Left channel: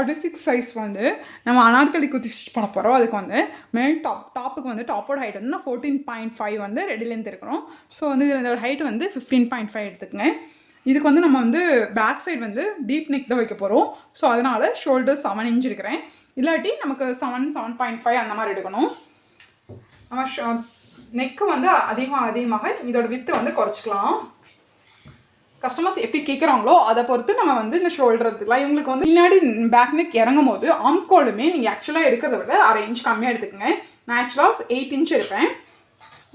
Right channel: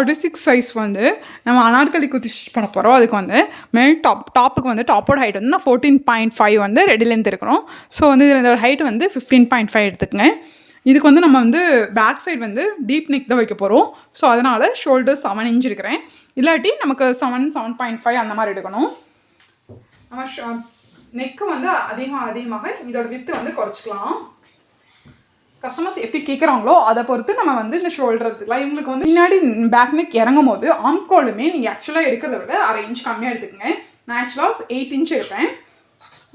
46 size வந்து நம்ம Anarkali kurti stitch பண்ண போகிறோம். அதுக்கு வந்து மேல் டாப்புக்கு வந்து டாப்போட ஹைட் வந்து நான் 14.5 வந்து ரெடி லென்த் இருக்கணும். ஸோ வந்து இதில் இதோட ஹைட் வந்து 15.5 எடுத்துக்கங்க. இதுக்கு வந்து நம்ம வந்து பேக் சைடு வந்து டீப் நெக் தான் வைக்க போகிறோம். ஸோ அதனால் ஷோல்டர் 7 இன்ச் இருக்கிறேன். இல்லாட்டி நமக்கு 7.5 அந்த மாதிரி எடுக்கணும். நம்ம நெக்கு வந்து அதிகமாக இதோட வித்து வந்து குறைச்சிக்கலாம். கஸ்டமர்ஸ் எப்படி கேட்குறாங்களோ அதை பொறுத்து நம்ம வந்து இந்த ஷோல்டர் எடுத்துக்கலாம். இவங்களுக்கு வந்து பின்னாடி பேக் நெக் இறங்கும் போது ஆம்கோலுமே நீங்கள் ஆக்சுவலாக எடுக்கிறத விட 1/2 இன்ச் கம்மியாக எடுத்துக்கங்க. நான் ஆக்சுவலாக 8 இன்ச் எடுப்பேன்.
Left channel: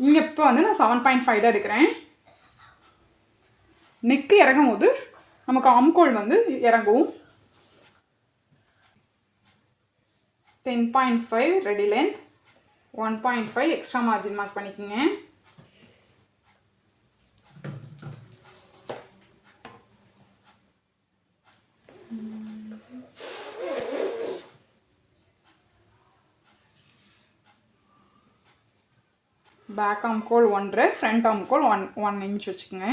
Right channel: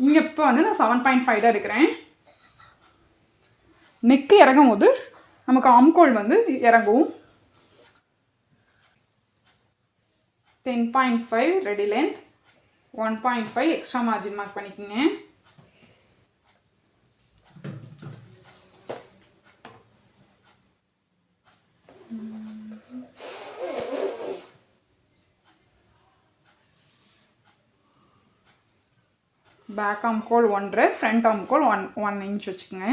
இங்கே இப்போ வந்து நான் 7.5 தான் எடுக்கிறேன். நெக்கு இறங்கும் போது நமக்கு ஆம்கோல் வந்து இறங்கும். 10.5 ready length, 1.5 extra margin mark பண்ணிக்கோங்க. பேக் ஆம்கோல் 1.5, ஃப்ரண்ட் ஆம்கோல் 1 இன்ச் வச்சுக்கோங்க.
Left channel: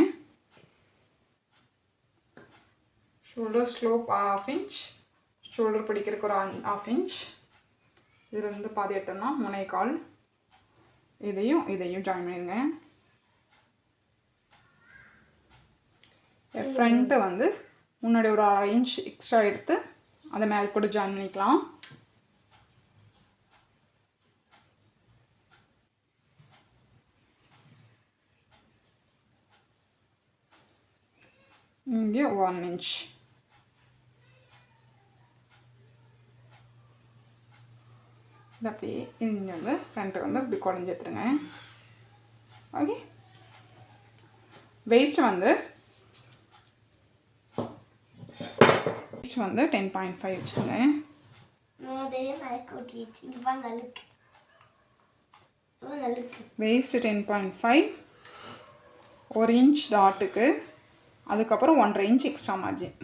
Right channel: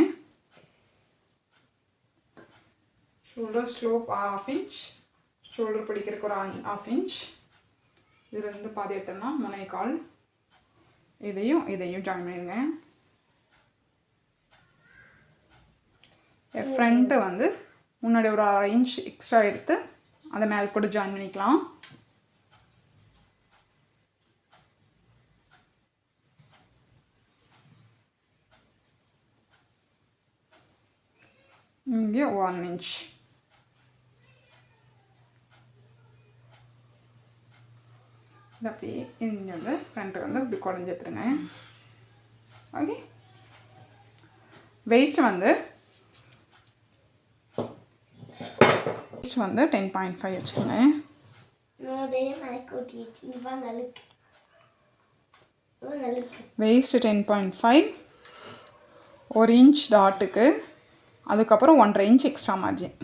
ஷோல்டர் ஸ்லோப் 1/2 இன்ச், ஷோல்டர் பிடிக்கிறதுக்கு ஒரு 1/2 இன்ச். இதிலிருந்து பாதி எடுத்தோம்னா 3/4. இதையும் ஜாயின் பண்ணிடுங்க. ஃப்ரண்ட்டு வந்து முன்னாடி ஒரு 1/2 இன்ச் எக்ஸ்ட்ரா எடுத்து அதை மேலே கூட ஜாயின் பண்ணிக்கலாம். இங்கே 1 இன்ச். இது அப்படியே இங்கே வந்து ஃப்ரண்ட்டு வந்து இப்படி குறைஞ்சி எடுத்துருங்க. ஓகே, வெயிஸ்ட் வந்து 10.5 வச்சுக்கோங்க. வெயிஸ்ட் 10.5, 1 இன்ச் டாட்டுக்கு, அதுக்கப்புறம் 1.5 inch extra margin.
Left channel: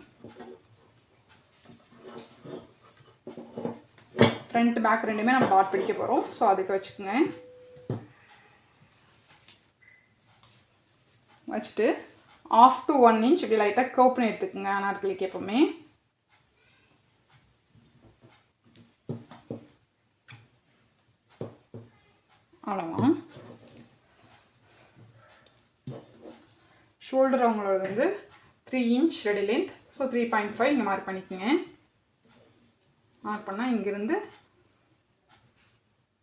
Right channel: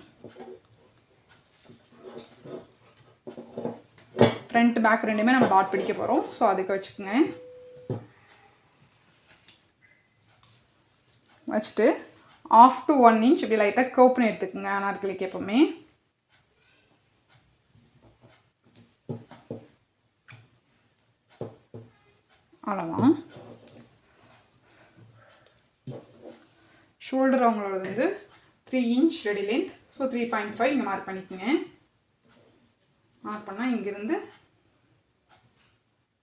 Front back ரெண்டுமே நம்ம டாட் பிடிக்க போகிறோம். ஸோ அதுக்கு வச்சுக்கோங்க. வச்சுட்டு 1/2 to 1 இன்ச் இப்படி லைட்டாக கர்வ் பண்ணி எடுத்துக்கோங்க. அனார்கலிக்கு எப்போவுமே அவ்வளோதான். ஷோல்டர் அவங்களோட வந்து 3 இன்ச் ரெடி லென்த். ஸோ 3.5 இங்கே மார்க் பண்ணிக்கோங்க. மார்க் பண்ணால் இங்கேருந்து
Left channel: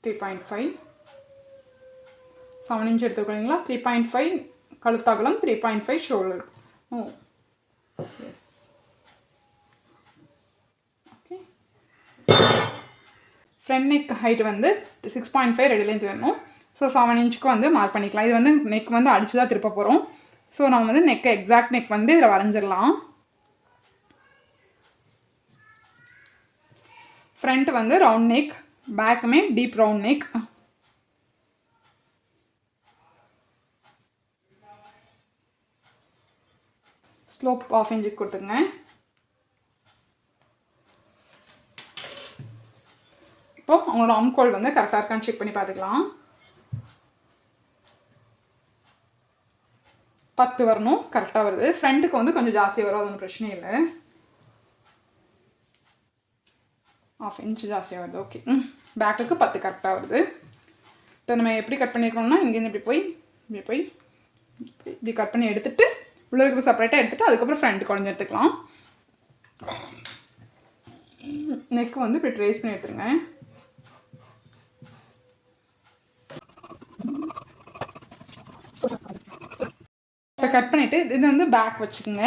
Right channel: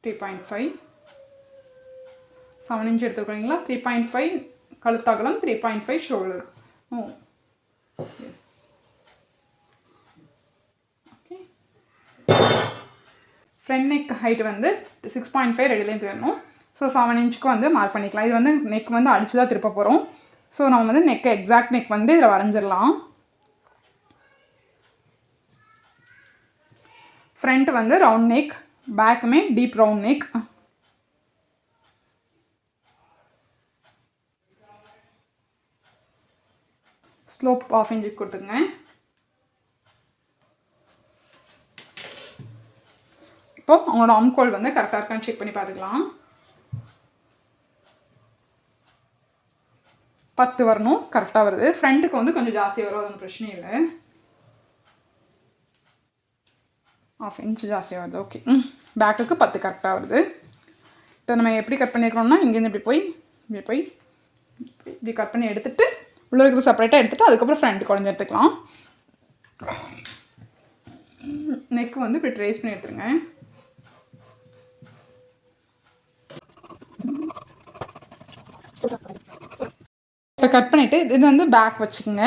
3.5, 7 இன்ச் எடுத்துக்கிறீங்களா. 3.5 கழுத்தாகலாம், 3.5 shoulder. Yes, okay. Front neck height வந்து 6.5 ரெடி லென்த் வேணும். ஸோ 7 இன்ச்சுக்கு வந்து மார்க் பண்ணிக்கலாம். இது வந்து நெக் வந்து அடித்து தான் திருப்ப போகிறோம். ஸோ நம்ம வந்து நெக் எக்ஸாக்ட் நெக் வந்து இதில் வரைஞ்சிடலாம். ஃப்ரண்ட் வந்து ரவுண்ட் நெக், பேக்குமே டீப் ரவுண்ட் நெக். ஸ்லோப் 1/2 இன்ச்சுக்கு கொடுத்துருங்க. இப்போ அவங்களோட ஆம்கோல் வந்து கரெக்டாக இருக்கான்னு செக் பண்ணி பார்த்துக்கலாம். 10 வரணும், கரெக்டாக வருது. ஃப்ரண்ட்டுக்கு வந்து கொஞ்சம் ஜாஸ்தியாக வரும், அது ஒன்றும் பிரச்சனை இல்லை. 1/2 இன்ச் ஜாஸ்தியாக வருது. ஓகே, பேக்குக்கு 10 கரெக்டாக வருது. இப்போ நம்ம எப்படி கட் பண்ணியிருக்கோம்னா இங்கேருந்து இப்படி கட் பண்ணி எடுத்துகிட்டு உள்ள இருக்கிற செப்பரேட்டாக எடுத்துகிட்டு அதுக்கப்புறம் ஃப்ரண்ட் குறைஞ்சி எடுத்துக்கலாம். நெக் வந்து இப்படி ட்ரேஸ் பண்ணி எடுத்துருங்க. இப்போ கட் பண்ணிவிட்டு இது வந்து பேக் வச்சுக்கோங்க.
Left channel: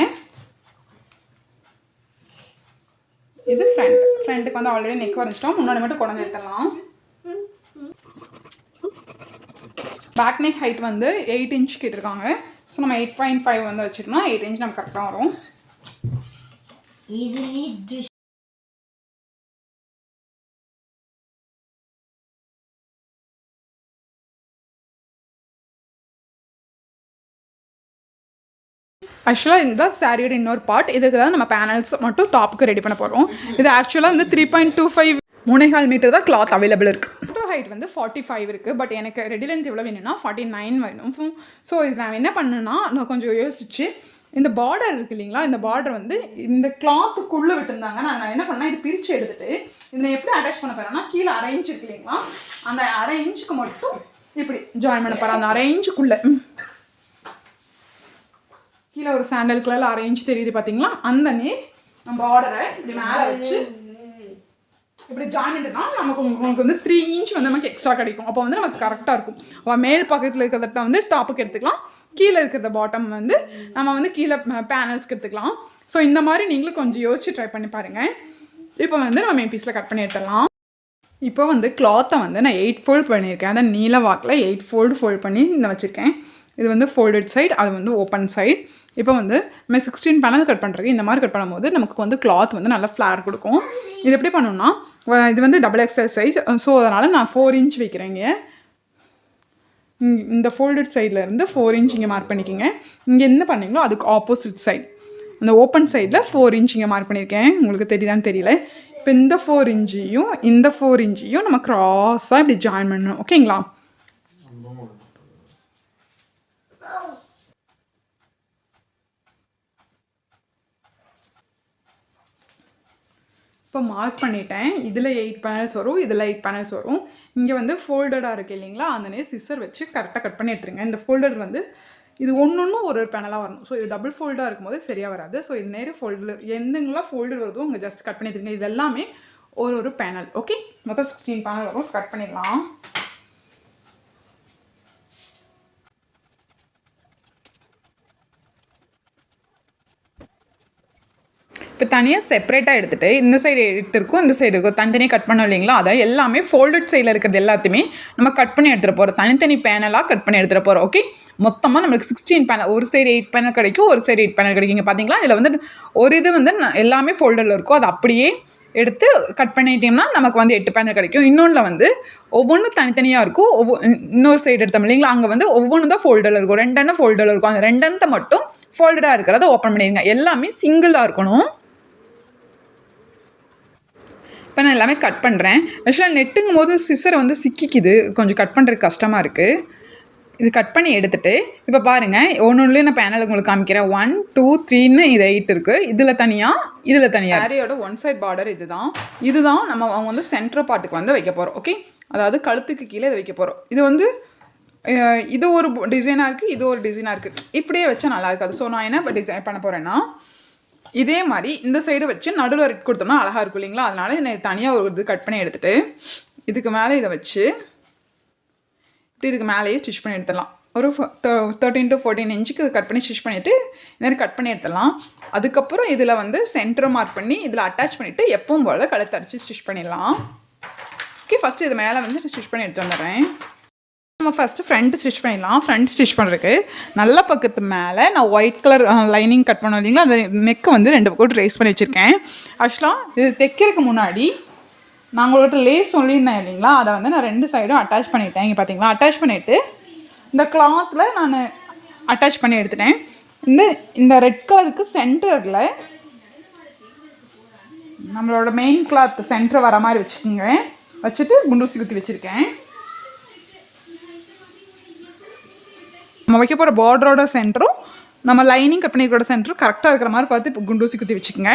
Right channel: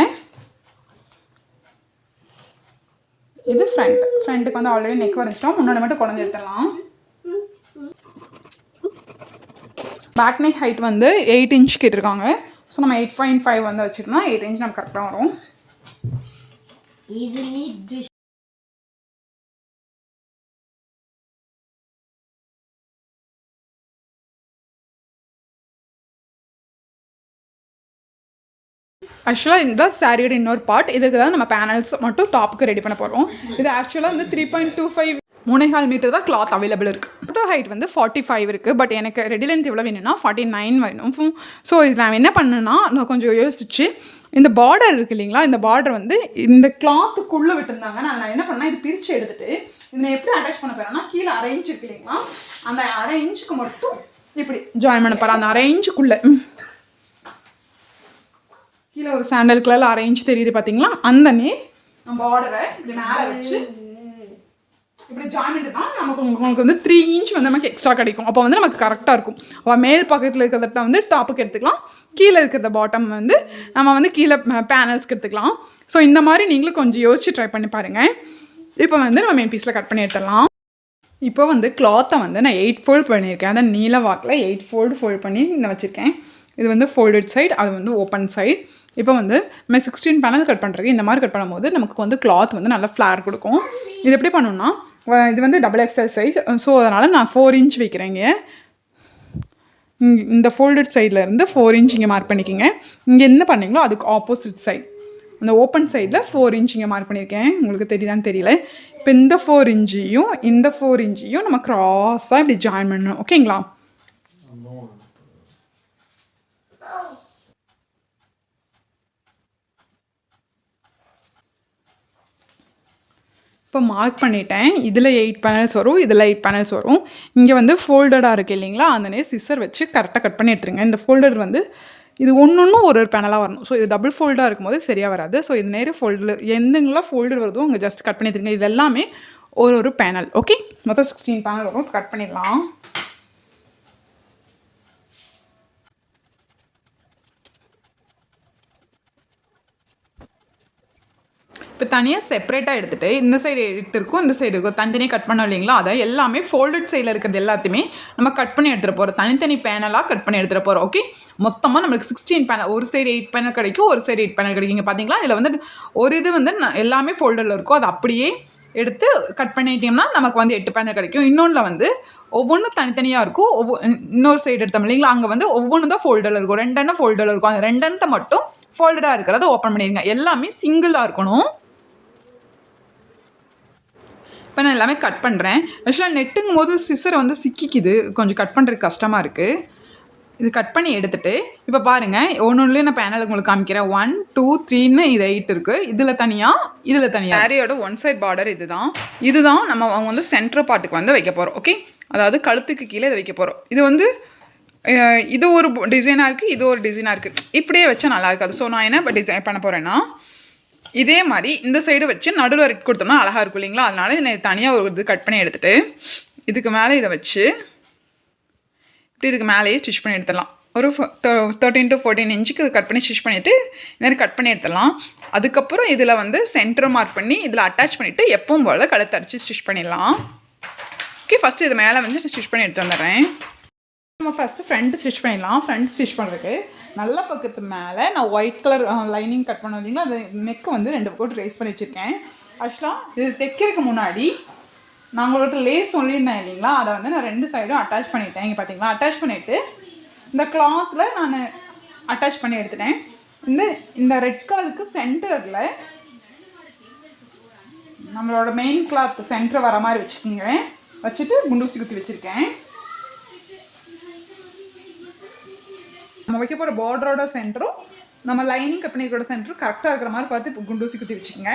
இது ஃப்ரண்ட்டுக்கு வந்து ஆல்ரெடி நெக் வரைஞ்சிட்டோம். முன்னாடி மட்டும் குறைஞ்சி எடுத்துடலாம். பேக் நெக் ஹைட் வந்து 8 இன்ச் கேட்டிருக்காங்க. ஸோ நம்ம 8.5 வந்து வச்சுக்கோன்னா 8 இன்ச் நமக்கு கரெக்டாக வரும். ஆக்சுவலாக இந்த சாரியோட இன்னொரு பார்ட், இதுக்கு தான் நம்ம பேனல்ஸ் மட்டும் டாப்புக்கு ரெடி பண்ண போகிறோம். இது ஆக்சுவலாக வந்து 3.25 3.5 மீட்டர் தான் கிளாத் அவைலபிள் இருக்குது. ஹைட் வந்து 45 இருக்குது. பட் எனக்கு ரெடி லென்த் எவ்வளோ வேணும்னா 49 வேணும். ஸோ இது நான் என்ன பண்ணுன்னா நான் கொஞ்சம் யோசிச்சு இந்த பார்டர் இருக்குது இல்லைங்களா, இந்த பார்டர் வந்து இந்த கிளாத்துக்குள்ளே விட்டுருந்தாங்க. நான் என்ன பண்ணேன், இது பிரித்து எடுத்துகிட்டு இதை எப்படி அட்டாச் பண்ண போகிறேன்னா, கீழே அரை இன்ச்சு இருக்கு இல்லைங்களா, அந்த அரை இன்ச்சுக்கு மட்டும் இப்படி ஜாயின் பண்ண போகிறேன். அந்த அரை இன்ச்சுக்குள்ளே கீழே ஒரு சாண்டல் கலரில் அரை இன்ச்சு தெரியுது பார்த்தீங்களா, அந்த பார்டரை இப்படி மேலே வச்சு இப்படி ஜாயின் பண்ணிட்டோம்னா உங்களுக்கு வந்து 3 இன்ச் வந்து நமக்கு எக்ஸ்ட்ரா கிடைக்கும். அப்போ வந்து நமக்கு கரெக்டாக இருக்கும். அப்போ மேல் பக்கத்தில் இருக்கிறத வந்து டாப்புக்கு எடுத்துக்கலாம், கீழே இருக்கிறத பாட்டம் வந்து நம்ம வந்து கீழே பேனல்ஸ்க்கு எடுத்துக்கலாம். ஸோ இந்த மாதிரி நீங்களும் கொஞ்சம் யோசிச்சு ட்ரை பண்ணி பாருங்கள். இப்போ வந்து நம்ம மெயின் பீஸில் கட் பண்ணி எடுத்துடலாம். இப்போ வந்து கிளாத்தை வந்து நான் 8 ஃபோல்ட் பண்ணியிருக்கேன். அதை நீல வாக்கில் 8 ஃபோல்ட் பண்ணி இந்த வச்சுருக்கேன். இது வந்து ஃபோல்டட் சைடு, அது வந்து ஓப்பன் சைடு. இப்போ வந்து நம்ம 16 பேனல் கட் பண்ணுறதுக்கு இந்த மாதிரி கட் பண்ணும்போது நமக்கு வந்து கிளாத் வந்து நல்லா ஃப்ளார் கொடுக்கும். இது எப்படி பண்ணணும்னா, இது வந்து XXL சைஸ். ஸோ அதனால் நான் 4 இன்ச் வைக்கிறேங்க. இந்த ஃபோல்டட் சைடில் இருந்து 4 இன்ச் இங்கே மார்க் பண்ணிக்கோங்க. இங்கே என்ன பண்ணீங்களோ அதுக்கு ஆப்போசிட் சைடு அந்த ஓப்பன் சைடில் 4 இன்ச் இங்கே மார்க் பண்ணியிருக்கேன். உங்களுக்கு தெரியுதான்னு தெரியல. இப்போ இந்த 4 இன்ச்சையும் இந்த 4 இன்ச்சையும் நம்ம க்ராஸாக இப்படி ஜாயின் பண்ணணும். ஓகேங்களா? இப்போ மார்க் பண்ணிட்டேன். இதில் 8 பேனல்ஸ் வரும், இதில் 8 பேனல்ஸ் வரும். இங்கே வந்து ஃபோல்டடாக இருக்குது இல்லைங்களா, அந்த சிசர் வச்சு கரெக்டாக கட் பண்ணி எடுத்துருங்க. இந்த ஃபோல்டர் வந்து இது ஒன்று ஒரு பேனலாக வரணும். ஸோ இது டபுள் ஃபோல்டாக இருக்கும்போது சரியாக வராது. ஸோ இது நேரே ஃபோல்டில் எந்தெங்கெல்லாம் ஃபோல்டர் வருதோ அங்கே ஜஸ்ட் கட் பண்ணி எடுத்துருங்க. இது எல்லாமே ஒரு பேனல். ஓகே, மொத்தம் 16 பேனல் வரும். கட் பண்ணிடலாம். இப்போ தனியாக செப்பரேட்டாக எடுத்துகிட்டு இந்த சைடு எடுத்துருக்கோம், இந்த சைடு இருக்கும், தனித்தனியாக கட் பண்ணோம் இல்லைங்களா, அதை எல்லாமே ஃபோல்டட் சைடில் இருக்கிறது எல்லாத்தையுமே நம்ம கட் பண்ணி எடுத்துகிட்டு போகிறோம். தனித்தனி பேனலாக கட் பண்ணி எடுத்துகிட்டு போகிறோம். ஓகே, மொத்தமாக நம்மளுக்கு 16 பேனல், ஒரு சைடு 8 பேனல் கிடைக்கும், ஒரு சைடு 8 பேனல் கிடைக்குங்க. பார்த்தீங்களா, இதில் வந்து ஒரு இது வந்து எல்லாமே ஃபோல்டரில் இருக்கும். அது அப்படியே எடுத்து கட் பண்ணிட்டோம்னா நமக்கு வந்து 8 பேனல் கிடைக்கும். இன்னொன்றில் வந்து ஒவ்வொன்றும் தனித்தனியாக இருக்கும். இன்னொரு சைடு எடுத்தோம் இல்லைங்களா, அங்கே வந்து ஒவ்வொன்று தான் ஃபோல்டரில் இருக்கும். 2 எண்ணம் ஃபோல்டரில் இருக்கும். அந்த 2 எண்ணத்தை மட்டும் ஃபோல்டடாக இருக்கிறத ஓப்பன் பண்ணிடுங்க. எல்லாமே சிங்கிளாக இருக்கணும். இப்போ நான் எல்லாமே கட் பண்ணுறேன். ஆக்சுவலாக நெட்டுங்கும் போது சிசரை வந்து சிக்கிக்குது, கொஞ்சம் கட் பண்ணுறதுக்கு கஷ்டமாக இருக்குது. இது கட் பண்ணி எடுத்துகிட்டு இப்போ பாருங்கள், ஒன்றுலேயே நான் பேனல் உங்களுக்கு காமிக்கிறேன். 1 2 3ன்னு இது 8 இருக்குது. இதில் தனியாக சாரியோட ஒன் சைட் பார்டர் இதுதான் நம்ம அவங்க வந்து சென்டர் பார்ட்டுக்கு வந்து வைக்க போகிறோம். ஓகே, அதாவது கழுத்துக்கு கீழே இதை வைக்க போகிறோம். இது வந்து இது ஒரு டிசைனாக இருக்குது, இது ஒரு டிசைனாக இருக்குது. இப்படியே வச்சா நல்லா இருக்காது. ஸோ நான் என்ன இப்போ டிசைன் பண்ண போகிறேன்னா, இதே மாதிரி இந்த சைடு வச்சு நடுவில் ரெட் கொடுத்தோம்னா அழகாக இருக்கும் இல்லைங்களா, அதனால இதை தனியாக ஒரு இது கட் பண்ணி எடுத்துகிட்டு இதுக்கு மேலே இதை வச்சு இப்படி இதுக்கு மேலேயே ஸ்டிச் பண்ணி எடுத்துடலாம். ஒரு 13 to 14 இன்ச்சுக்கு கட் பண்ணி ஸ்டிச் பண்ணிவிட்டு இந்த மாதிரி கட் பண்ணி எடுத்துடலாம். அதுக்கப்புறம் இதில் வந்து சென்டர் மார்க் பண்ணி இதில் அட்டாச் பண்ணிவிட்டு எப்பவும் போல் கழுத்து அரைச்சி ஸ்டிச் பண்ணிடலாம். ஓகே, ஃபஸ்ட்டு இது மேலே வந்து ஸ்டிச் பண்ணி எடுத்து வந்துடுறேன். நம்ம ஃபஸ்ட்டு ஃப்ரண்ட் ஸ்டிச் பண்ணிடலாம். ஃப்ரண்ட் ஸ்டிச் பண்ணுறதுக்கு நல்ல பக்கத்து மேலே நான் ஒயிட் கலர் லைனிங் கட் பண்ணோம் இல்லைங்களா, அந்த நெக்கு வந்து 2 பக்கம் ட்ரேஸ் பண்ணி வச்சுருக்கேன். ஆக்சுவலாக இது தைக்கிறதுக்கு முன்னாடி நான் உங்கள்கிட்ட லேஸ் சொல்லியிருந்தேன் இல்லைங்களா, அதை வந்து நான் 2 சைடும் அட்டாச் பண்ணிட்டேன். இங்கே பார்த்தீங்களா, அட்டாச் பண்ணிவிட்டு இந்த கிளாத்தில் நான் அட்டாச் பண்ணி எடுத்துட்டேன். இந்த ரெட் கலருக்கு சென்டரில் நம்மளோட மெயின் கிளாத் சென்டர் வர மாதிரி வச்சுக்கோங்க. வச்சுட்டு குண்டூசி குத்தி வச்சுருக்கேன். நம்ம வைக்க போகிற பார்டரோட சென்டரும் நம்ம லைனிங் கட் பண்ணிக்கிற சென்டரும் கரெக்டாக இருக்கிற மாதிரி பார்த்து இப்போ குண்டூசி குத்தி வச்சுக்கோங்க.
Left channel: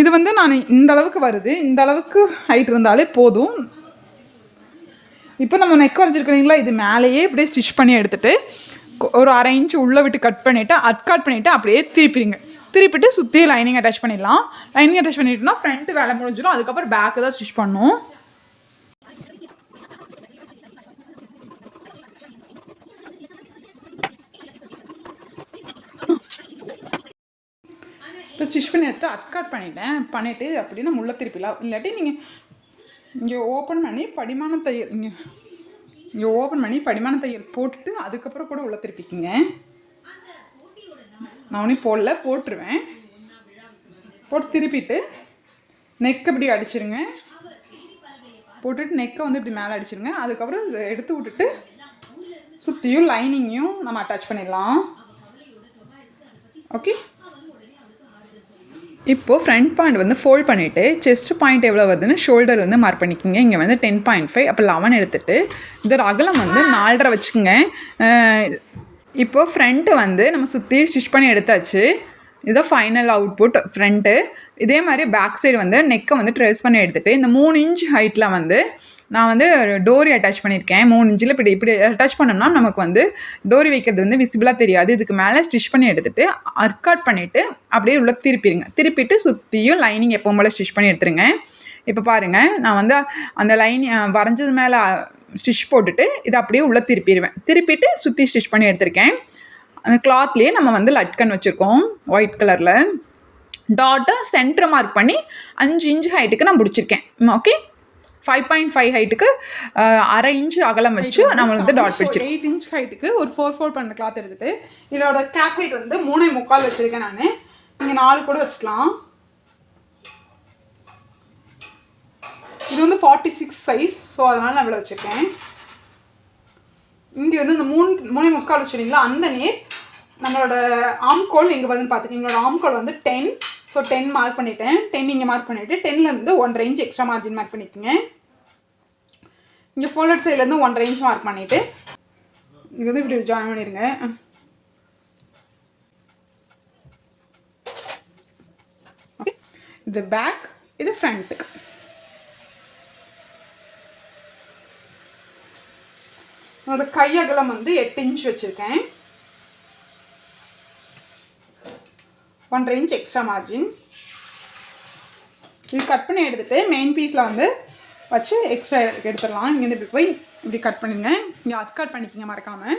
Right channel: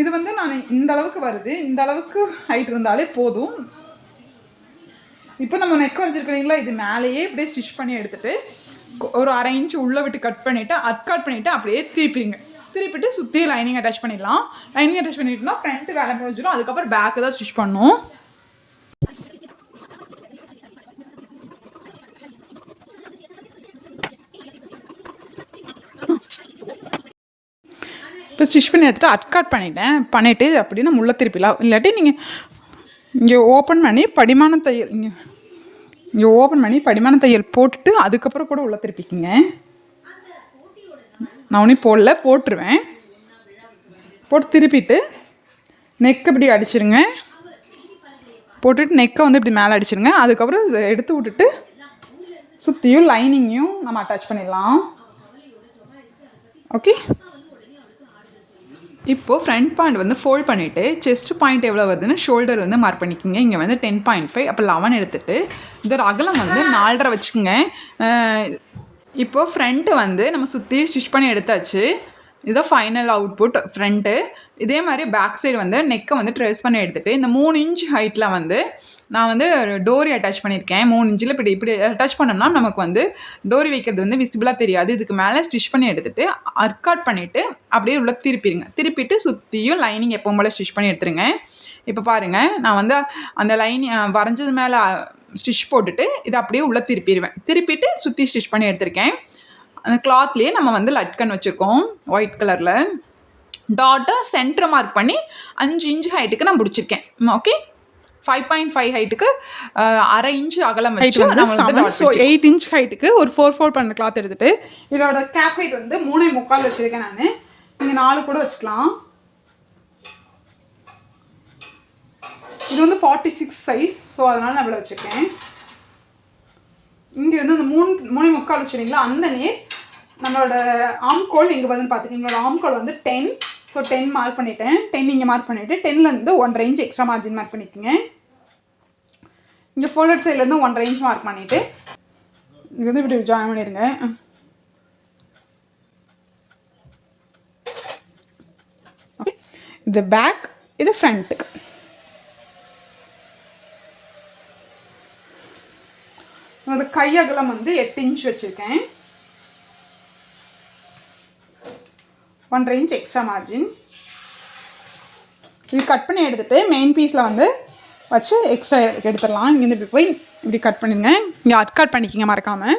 இது வந்து நான் இந்த அளவுக்கு வருது, இந்த அளவுக்கு ஹைட் இருந்தாலே போதும். இப்போ நம்ம நெக் வரைஞ்சிருக்கீங்களா, இது மேலேயே இப்படியே ஸ்டிச் பண்ணி எடுத்துகிட்டு ஒரு அரை இன்ச்சு உள்ளே விட்டு கட் பண்ணிவிட்டு கட் பண்ணிவிட்டு அப்படியே திருப்பிட்டு சுற்றி லைனிங் அட்டாச் பண்ணிடலாம். லைனிங் அட்டாச் பண்ணிட்டோம்னா ஃப்ரண்ட்டு வேலை முடிஞ்சிடும். அதுக்கப்புறம் பேக்கு தான் ஸ்டிச் பண்ணணும். இப்போ ஸ்டிச் பண்ணி எடுத்துகிட்டு கட் பண்ணிவிட்டு அப்படின்னா முள்ள திருப்பிலாம். இல்லாட்டி நீங்கள் இங்கே ஓப்பன் பண்ணி படிமான தையல் போட்டுட்டு அதுக்கப்புறம் கூட உள்ள திருப்பிக்குங்க. நான் ஒன்றும் போட்டுருவேன். போட்டு திருப்பிட்டு நெக் இப்படி அடிச்சிருங்க. போட்டுட்டு நெக்கை வந்து இப்படி மேலே அடிச்சிருங்க. அதுக்கப்புறம் இதை எடுத்து விட்டுட்டு சுற்றியும் லைனிங்கையும் நம்ம அட்டாச் பண்ணிடலாம். ஓகே, இப்போது ஃப்ரண்ட் பாயிண்ட் வந்து ஃபோல்ட் பண்ணிவிட்டு செஸ்ட் பாயிண்ட் எவ்வளோ வருதுன்னு ஷோல்டர் வந்து மார்க் பண்ணிக்கோங்க. இங்கே வந்து 10.5, அப்போ 11 எடுத்துகிட்டு இதோட அகலம் வந்து 4.5 வச்சுக்கோங்க. இப்போ ஃப்ரண்ட்டு வந்து நம்ம சுற்றி ஸ்டிச் பண்ணி எடுத்தாச்சு. இதுதான் ஃபைனல் அவுட்புட் ஃப்ரண்ட்டு. இதே மாதிரி பேக் சைடு வந்து நெக்கை வந்து ட்ரேஸ் பண்ணி எடுத்துகிட்டு இந்த 3 இன்ச் ஹைட்டில் வந்து நான் வந்து டோரி அட்டாச் பண்ணியிருக்கேன். 3 இன்ச்சில் இப்படி அட்டாச் பண்ணோம்னா நமக்கு வந்து டோரி வைக்கிறது வந்து விசிபிளாக தெரியாது. இதுக்கு மேலே ஸ்டிச் பண்ணி எடுத்துகிட்டு அர்காட் பண்ணிவிட்டு அப்படியே உள்ள திருப்பிட்டு சுற்றியும் லைனிங் எப்பவும் போல் ஸ்டிச் பண்ணி எடுத்துருங்க. இப்போ பாருங்கள், நான் வந்து அந்த வரைஞ்சது மேலே ஸ்டிச் போட்டுட்டு இதை அப்படியே உள்ளே திருப்பிட்டு சுற்றி ஸ்டிச் பண்ணி எடுத்திருக்கேன். அந்த கிளாத்லேயே நம்ம வந்து லட்கன் வச்சுருக்கோம் ஒயிட் கலரில். டாட்டை சென்டர் மார்க் பண்ணி 5 இன்ச் ஹைட்டுக்கு நான் பிடிச்சிருக்கேன். ஓகே, 5.5 ஹைட்டுக்கு 1/2 இன்ச் அகலம் வச்சு நம்ம வந்து டாட் பிடிச்சி 8 இன்ச் ஹைட்டுக்கு ஒரு 4/4 பண்ண கிளாத் எடுத்துகிட்டு இதோட கேப் ஹைட் வந்து 3.25 வச்சுருக்கேன் நான். நீங்கள் 4 கூட வச்சுக்கலாம். இது வந்து 46 சைஸ், ஸோ அதனால் நான் இவ்வளோ வச்சுருக்கேன். இங்கே வந்து இந்த 3.25 வச்சுருங்களா, அந்த நேர் நம்மளோட ஆம்கோல் இங்கே வந்து பார்த்துக்கோங்க. எங்களோட ஆம்கோல் வந்து 10, ஸோ 10 மார்க் பண்ணிவிட்டேன். 10 இங்கே மார்க் பண்ணிவிட்டு 10லேருந்து 1.5 இன்ச் எக்ஸ்ட்ரா மார்ஜின் மார்க் பண்ணிக்கோங்க. இங்கே ஃபோல்டட் சைட்லேருந்து 1.5 இன்ச் மார்க் பண்ணிவிட்டு இங்கே வந்து இப்படி ஜாயின் பண்ணிடுங்க. ஓகே, இது பேக், இது ஃப்ரண்ட்டுக்கு. என்னோட கை அகலம் வந்து 8 இன்ச் வச்சுருக்கேன். 1.5 இன்ச் எக்ஸ்ட்ரா மார்ஜின். இது கட் பண்ணி எடுத்துகிட்டு மெயின் பீஸில் வந்து வச்சு எக்ஸ்ட்ரா எடுத்துடலாம். இங்கேருந்து இப்படி போய் இப்படி கட் பண்ணுங்க. இங்கே அட்கட் பண்ணிக்கிங்க மறக்காமல்.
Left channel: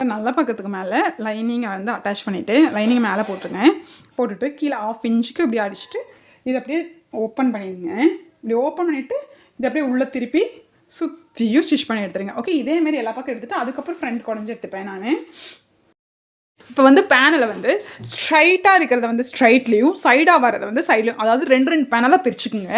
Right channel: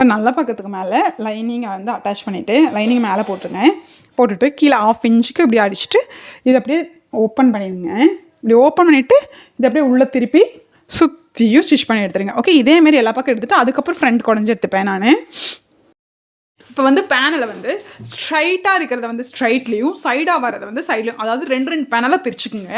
நல்ல பக்கத்துக்கு மேலே லைனிங்கை வந்து அட்டாச் பண்ணிவிட்டு லைனிங் மேலே போட்டுட்டு கீழே 1/2 இன்ச்சுக்கு இப்படி அடிச்சுட்டு இதை அப்படியே ஓப்பன் பண்ணிடுங்க. இப்படி ஓப்பன் பண்ணிவிட்டு இதை அப்படியே உள்ளே திருப்பி சுற்றியும் ஸ்டிச் பண்ணி எடுத்துருங்க. ஓகே, இதேமாரி எல்லா பக்கம் எடுத்துகிட்டு அதுக்கப்புறம் ஃப்ரண்ட் குடஞ்சி எடுத்துப்பேன் நான். இப்போ வந்து பேனலை வந்து ஸ்ட்ரைட்டாக இருக்கிறத வந்து ஸ்ட்ரைட்லேயும் சைடாக வரதை வந்து சைட்லையும், அதாவது 2 பேனலாக பிரிச்சுக்குங்க.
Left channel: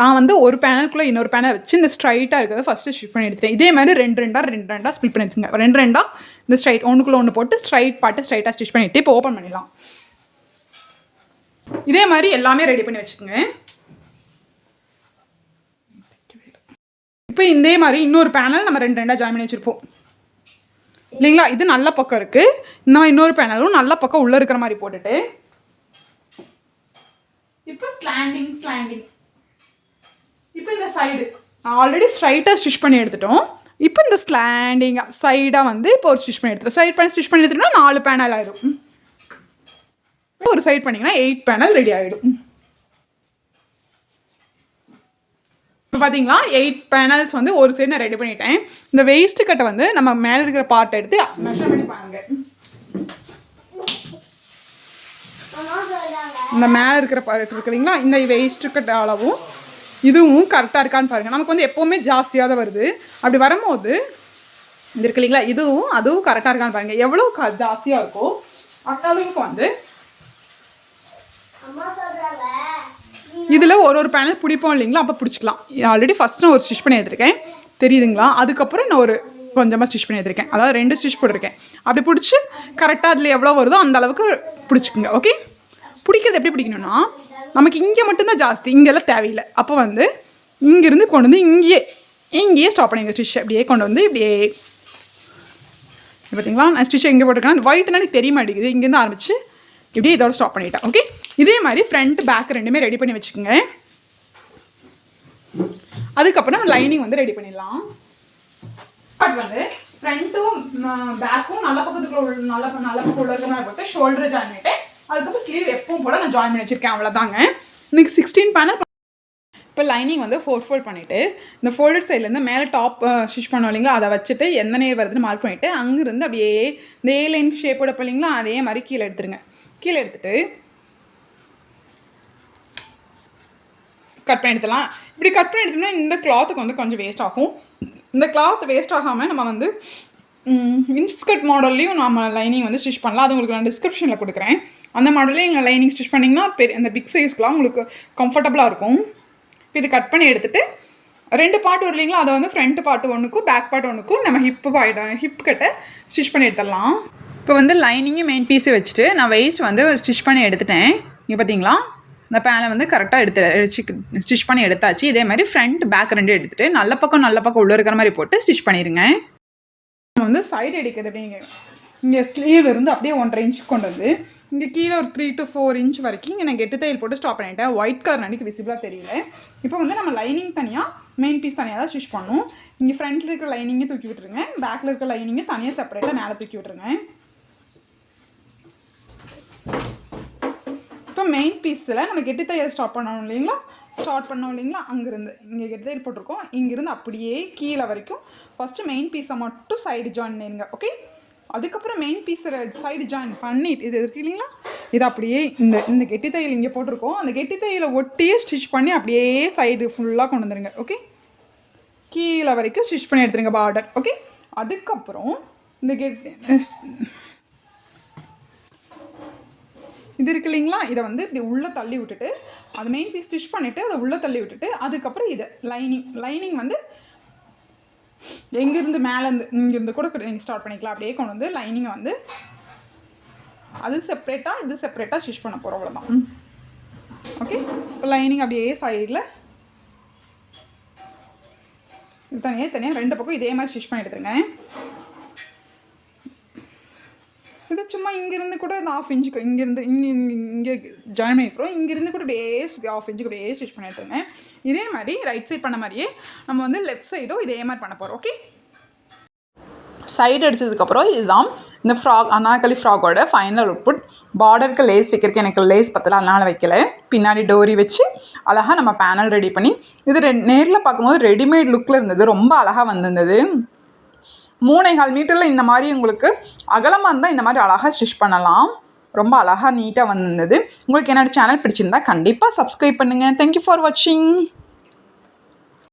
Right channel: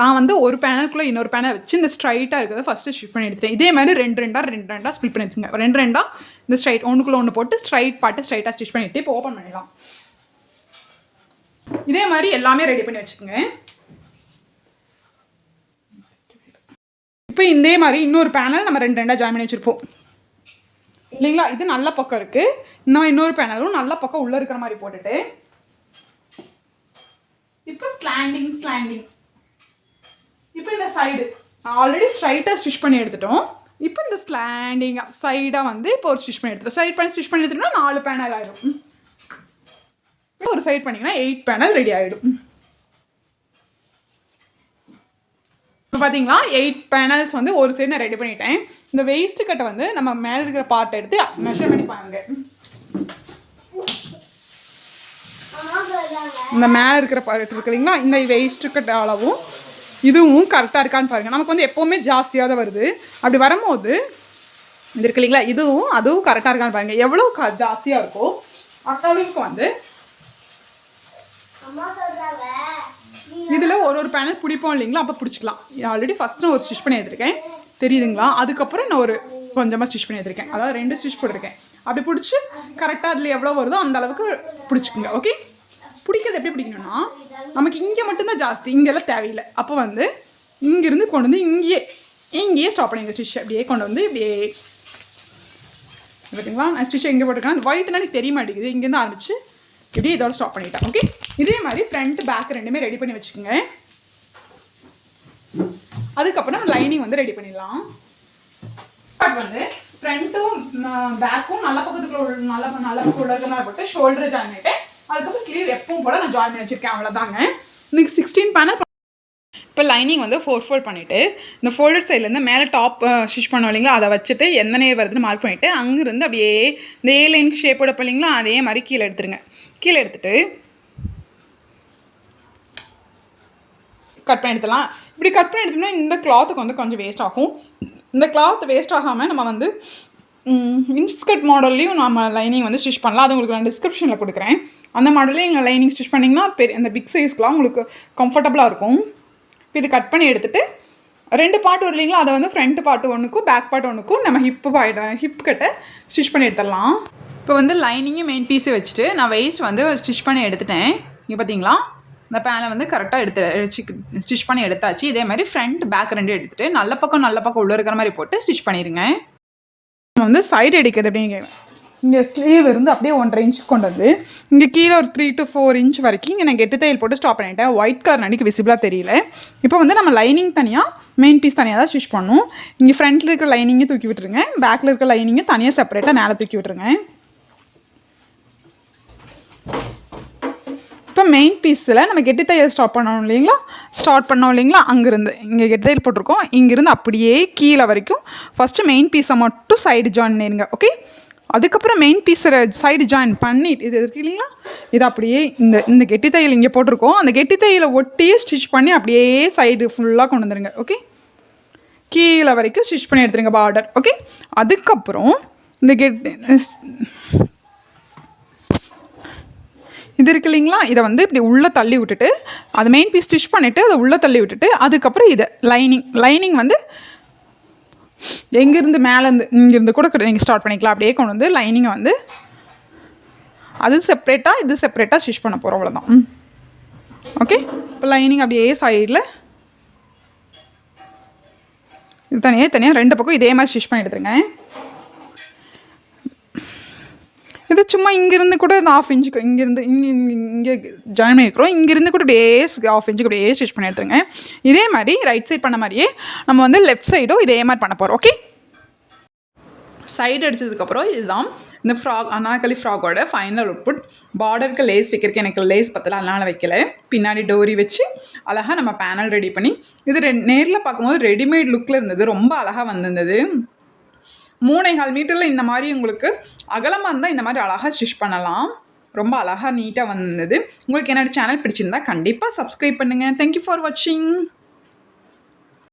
நான் வந்து ஒரு பேனலுக்குள்ளே இன்னொரு பேனல் வச்சு இந்த ஸ்ட்ரைட்டாக இருக்கிறத ஃபஸ்ட்டு ஸ்டிச் பண்ணி எடுத்துட்டேன். இதே மாதிரி 2 ஸ்பிட் பண்ணி எடுத்துங்க. 2 இந்த ஸ்ட்ரைட் ஒன்றுக்குள்ளே ஒன்று போட்டு ஸ்ட்ரைட்டாக ஸ்டிச் பண்ணிவிட்டு இப்போ ஓப்பன் பண்ணிடலாம். இதே மாதிரி எல்லாமே ரெடி பண்ணி வச்சுக்கோங்க. இப்போ இதே மாதிரி இன்னொரு பேனல் நம்ம 2 ஜாயின் பண்ணி வச்சுருப்போம் இல்லைங்களா. இது நல்ல பக்கம் இருக்குது. நான் இன்னொரு பேனலும் நல்ல பக்கம் உள்ளே இருக்கிற மாதிரி போட்டுட்டு இப்போ ஸ்லாண்டிங். இப்போ இந்த சைடு நான் ஆல்ரெடி ஸ்ட்ரைட்டாக ஸ்டிச் பண்ணி எடுத்துட்டோம். இப்போ இந்த ஸ்லாண்டிங்காக சைடாக வந்து இப்போ ஒரு ஸ்டிச் பண்ணி எடுத்துட்டோம். ஸ்டிச் பண்ணி எடுத்துட்டோம்னா 4 பேனல் ஆகிடும். ஒரு சைட் பண்ணிங்கன்னா 8 பேனல் ரெடி ஆகிடும். இப்போ பார்த்தீங்களா 8 பேனல்ஸ் வந்து ஒரு சைடு நான் ரெடி பண்ணிட்டேன். இந்த வேஸ்ட்டு கட்டை வந்து நம்ம மேலே இருக்கிற பார்ட்டை எடுத்து மெஷர் பண்ணி பாருங்க. இந்த மேலே இருக்கிற பார்ட் இருக்குதுங்களா, இந்த வேஸ்ட்டு கட்டை அளவும் இதுவும் கரெக்டாக இருக்கான்னு பாருங்கள். நமக்கு வந்து எப்போவுமே ஜாஸ்தியாக தான் வருது. அப்படி வரும்போது இது இருக்கு இல்லைங்களா, அதுவும் கரெக்டாக இருக்கான்னு பாருங்கள். எவ்வளோ ஜாஸ்தியாக இருக்கோ அந்த அளவுக்கு வந்து இதில் ஒரு பேனல் பிடிப்போம் இல்லைங்களா, அப்போ பிடிச்சிக்கலாம். ஆல்ரெடி ஃபஸ்ட்டு ஒரு ஸ்டிச் பண்ணி எடுத்துருக்கேன் தெரியுதுங்களா. அதுக்கப்புறம் நான் ஒரு கொஞ்சமாக ஸ்டிச் பண்ணி எடுத்துருக்கேன். அதாவது 2 ஸ்டிச் போட்டிருக்கேன். அப்படி பிடிச்சி கரெக்டாக அதில் எவ்வளோ வருதோ அந்த அளவுக்கு பிடிச்சிக்குங்க. ஓகே, பிடிக்கிறது எப்படி பிடிக்கணும்னா நமக்கு இங்கே மட்டும்தான் ஜாஸ்தி, இங்கெல்லாம் தேவையில்லை. அப்போ வந்து இங்கேருந்து கொண்டு வந்து இங்கேயே ஸ்டாப் பண்ணிங்க. ஸ்டிச் அப்படியே கொண்டு வந்து இப்படியே பார்த்தீங்களா. நான் ஸ்டிச் எங்கே போட்டிருக்கேன் அந்த ஒயிட்னா எனக்கு தெரிய மாட்டேங்குது. இங்கேருந்து ஆரம்பிச்சு இப்படியே இதோட ஸ்டாப் பண்ணிட்டேன். ஓகே, இதே மாதிரி ஃப்ரண்ட் பேக் 2மே ரெடி பண்ணி வச்சுக்கோங்க. அதுக்கப்புறம் நம்ம லைனிங் வந்து ரெடி பண்ணிடலாம். பட் வந்து ஃப்ரண்ட்டும் பேக்கும் நல்ல பக்கத்துக்குள்ள நல்ல பக்கம் உள்ள இருக்கிற மாதிரி போட்டு ஷோல்டர் ஜாயின் பண்ணிவிட்டு அதுக்கப்புறம் ஸ்லீவ் எப்பவும் போல் நான் ஜாயின் பண்ணி வச்சுருக்கேன். அவ்வளோதாங்க. இன்றைக்கி 16 பேனல். இப்போ லைனிங் வந்து 4 ஃபோல்ட் பண்ணிவிட்டு இந்த ஃபோல்டட் சைட்லேருந்து மேலே டாப் ஸ்டிச் பண்ணோம் இல்லைங்களா, அதை வச்சுட்டு எந்த நேர் வருதுன்னு மார்க் பண்ணிவிட்டு அங்கேருந்து அப்படியே இந்த A லைனுக்கு ஷேப் எடுப்போம் இல்லைங்களா, அதே மாதிரி கீழே எடுத்துருங்க. கீழே எடுத்துகிட்டு கட் பண்ணி எடுத்துலாம். இப்படி கட் பண்ணி எடுத்தோம்னா இந்த கிளாத்துக்கு வந்து கொஞ்சம் வேஸ்ட் ஆகும். இந்த கிளாத் வேஸ்ட் ஆகாமல் நம்ம வந்து இன்ஸ்கர்ட் மாடல்லையும் நம்ம லைனிங் வந்து ஸ்டிச் பண்ணலாம். அது உங்களுக்கு நான் டிஸ்கிரிப்ஷனில் கொடுக்குறேன். அந்த மாடல்லையும் எங்கள் லைனிங் ஸ்டிச் பண்ணிங்கன்னா அந்த பிக் சைஸ்க்கெலாம் உங்களுக்கு கம்ஃபர்டபுளாக இருக்கும். இப்போ இது கட் பண்ணி எடுத்துகிட்டு 2 பார்ட் வரும் இல்லைங்களா, அதை வந்து ஃப்ரண்ட் பார்ட் ஒன்றுக்கும் பேக் பார்ட் ஒன்றுக்கும் நம்ம ஹிப் கிட்ட ஸ்டிச் பண்ணி எடுத்துடலாம். இப்போ வந்து லைனிங்கும் மெயின் பீஸை வச்சுட்டு நான் வெயிஸ்ட் வந்து ஸ்டிச் பண்ணி எடுத்துட்டேன். இங்கே பார்த்தீங்களா, இந்த பேனை வந்து கரெக்டாக ஸ்டிச் பண்ணி எடுத்தாச்சு. இதே மாதிரி ஃப்ரண்ட் பேக் 2 எடுத்துகிட்டு நல்ல பக்கம் உள்ளே இருக்கிற மாதிரி போட்டு ஸ்டிச் பண்ணிடுங்க. நம்ம வந்து சைடு அடிக்கிறது அப்படிங்க, இங்கே ஸ்லீவ் இருந்து அப்படியே 1.5 இன்ச் கொண்டு வந்து இங்கே கீழே ஒரு 3 to 4 இன்ச் வரைக்கும் இங்கே நான் கெட்டு தையல் போட்டு ஸ்டாப் பண்ணிட்டேன். ஒயிட் கலர் அன்றைக்கி விசிபிளாக தெரியல. இப்போ வந்து நம்ம லைனிங் தனியாக மெயின் பீஸ் தனியாக தான் ஸ்டிச் பண்ணணும். இங்கே ஃப்ரண்ட்டில் இருக்கிற லைனிங்கை தூக்கி விட்டுருங்க, பேக்கில் இருக்கிற லைனிங்கை தனியாக செப்பரேட்டாக மேலே தூக்கி விட்டுருங்க. இப்போ மெயின் பீஸில் நம்ம கெட்டு தையல் ஸ்டார்ட் பண்ணோம் இல்லைங்களா, அங்கேருந்து இங்கே கெட்டு தையல் போட்டிருக்கோம். இங்கேருந்து அப்படியே கீழே வரைக்கும் ஃபஸ்ட்டு மெயின் பீஸை மட்டும் சைடு ஜாயின் பண்ணிடுங்க. ஓகே, அதுக்கப்புறம் மெயின் பீஸை சைடு ஜாயின் பண்ணிட்டு இது இருக்கு இல்லைங்களா, இது அப்படியே இந்த கெட்டி தையல் இங்கே போட்டிருக்கோம், அந்த கெட்டி தையலை ஒட்டியே ஸ்டிச் பண்ணி அப்படியே சைடு ஃபுல்லாக கொண்டு வந்துடுங்க. ஓகே, கீழே வரைக்கும் ஸ்டிச் பண்ணி எடுத்துருங்க பார்டர். ஓகே, அதுக்கப்புறம் இந்த இது இருக்கு இல்லைங்களா, இதை வந்து இப்படி உள்ளே தள்ளி விட்டுட்டு அது மெயின் பீஸ் ஸ்டிச் பண்ணிவிட்டு அதை உள்ளே தள்ளி விட்டுட்டு அதுக்கப்புறம் இதை லைனிங் வந்து எங்கேருந்து மேலேருந்து இங்கேருந்து கூட நீங்கள் ஸ்டார்ட் பண்ணிக்கலாம். அப்படியே கொண்டு வந்து லைனிங்கை வந்து அது செப்ரேட்டாக இது செப்ரேட்டாக ஸ்டிச் பண்ண போகிறோம், அவ்வளோதான். ஓகே, இப்போ லைனிங் அப்படியே சைடில் இது தனியாக 2 பக்கம் இதே மாதிரி ஸ்டிச் பண்ணி எடுத்துருங்க. இது சும்மா இங்கேருந்து கூட இந்த 1/2 இன்ச்சுக்கு இங்கேருந்து இங்கே ஜாயின் பண்ணியிருக்கிறோம், இங்கேருந்து கூட அப்படியே 1/2 இன்ச்சுக்கு அப்படியே ஸ்டிச் பண்ணி எடுத்துருங்க. இதே மாதிரி ரைட் சைட் பண்ண மாதிரியே நம்ம வந்து லெஃப்ட் சைடும் இதே மாதிரி பண்ண போகிறோம். ஓகே, சைடு அடித்ததுக்கப்புறம் இதுதான் இந்த அனார்கலி ஃப்ராகோட ஃபைனல் அவுட்புட். பார்டருக்கு லேஸ் வைக்கிறதுக்கு எனக்கு லேஸ் பத்தல, அதனால் வைக்கல. பின்னாடி டோரி வச்சு அழகாக நம்ம பேனல் ரெடி பண்ணி இது நேரில் பார்க்கும்போது ரெடிமேட் லுக்கில் இருந்தது, ரொம்ப அழகாக வந்திருந்தது. 3.25 மீட்டரில் இந்த மாதிரி உங்களுக்கு அகலமாக இருந்தால் இந்த மாதிரி அழகாக ஸ்டிச் பண்ணலாம். ரொம்ப அழகாக நீட்டாக வந்திருந்தது. உங்களுக்கு என்னோடய சேனல் பிடிச்சிருந்தா கண்டிப்பாக சப்ஸ்கிரைப் பண்ணுங்கள். தேங்க்யூ ஃபார் வாட்சிங்.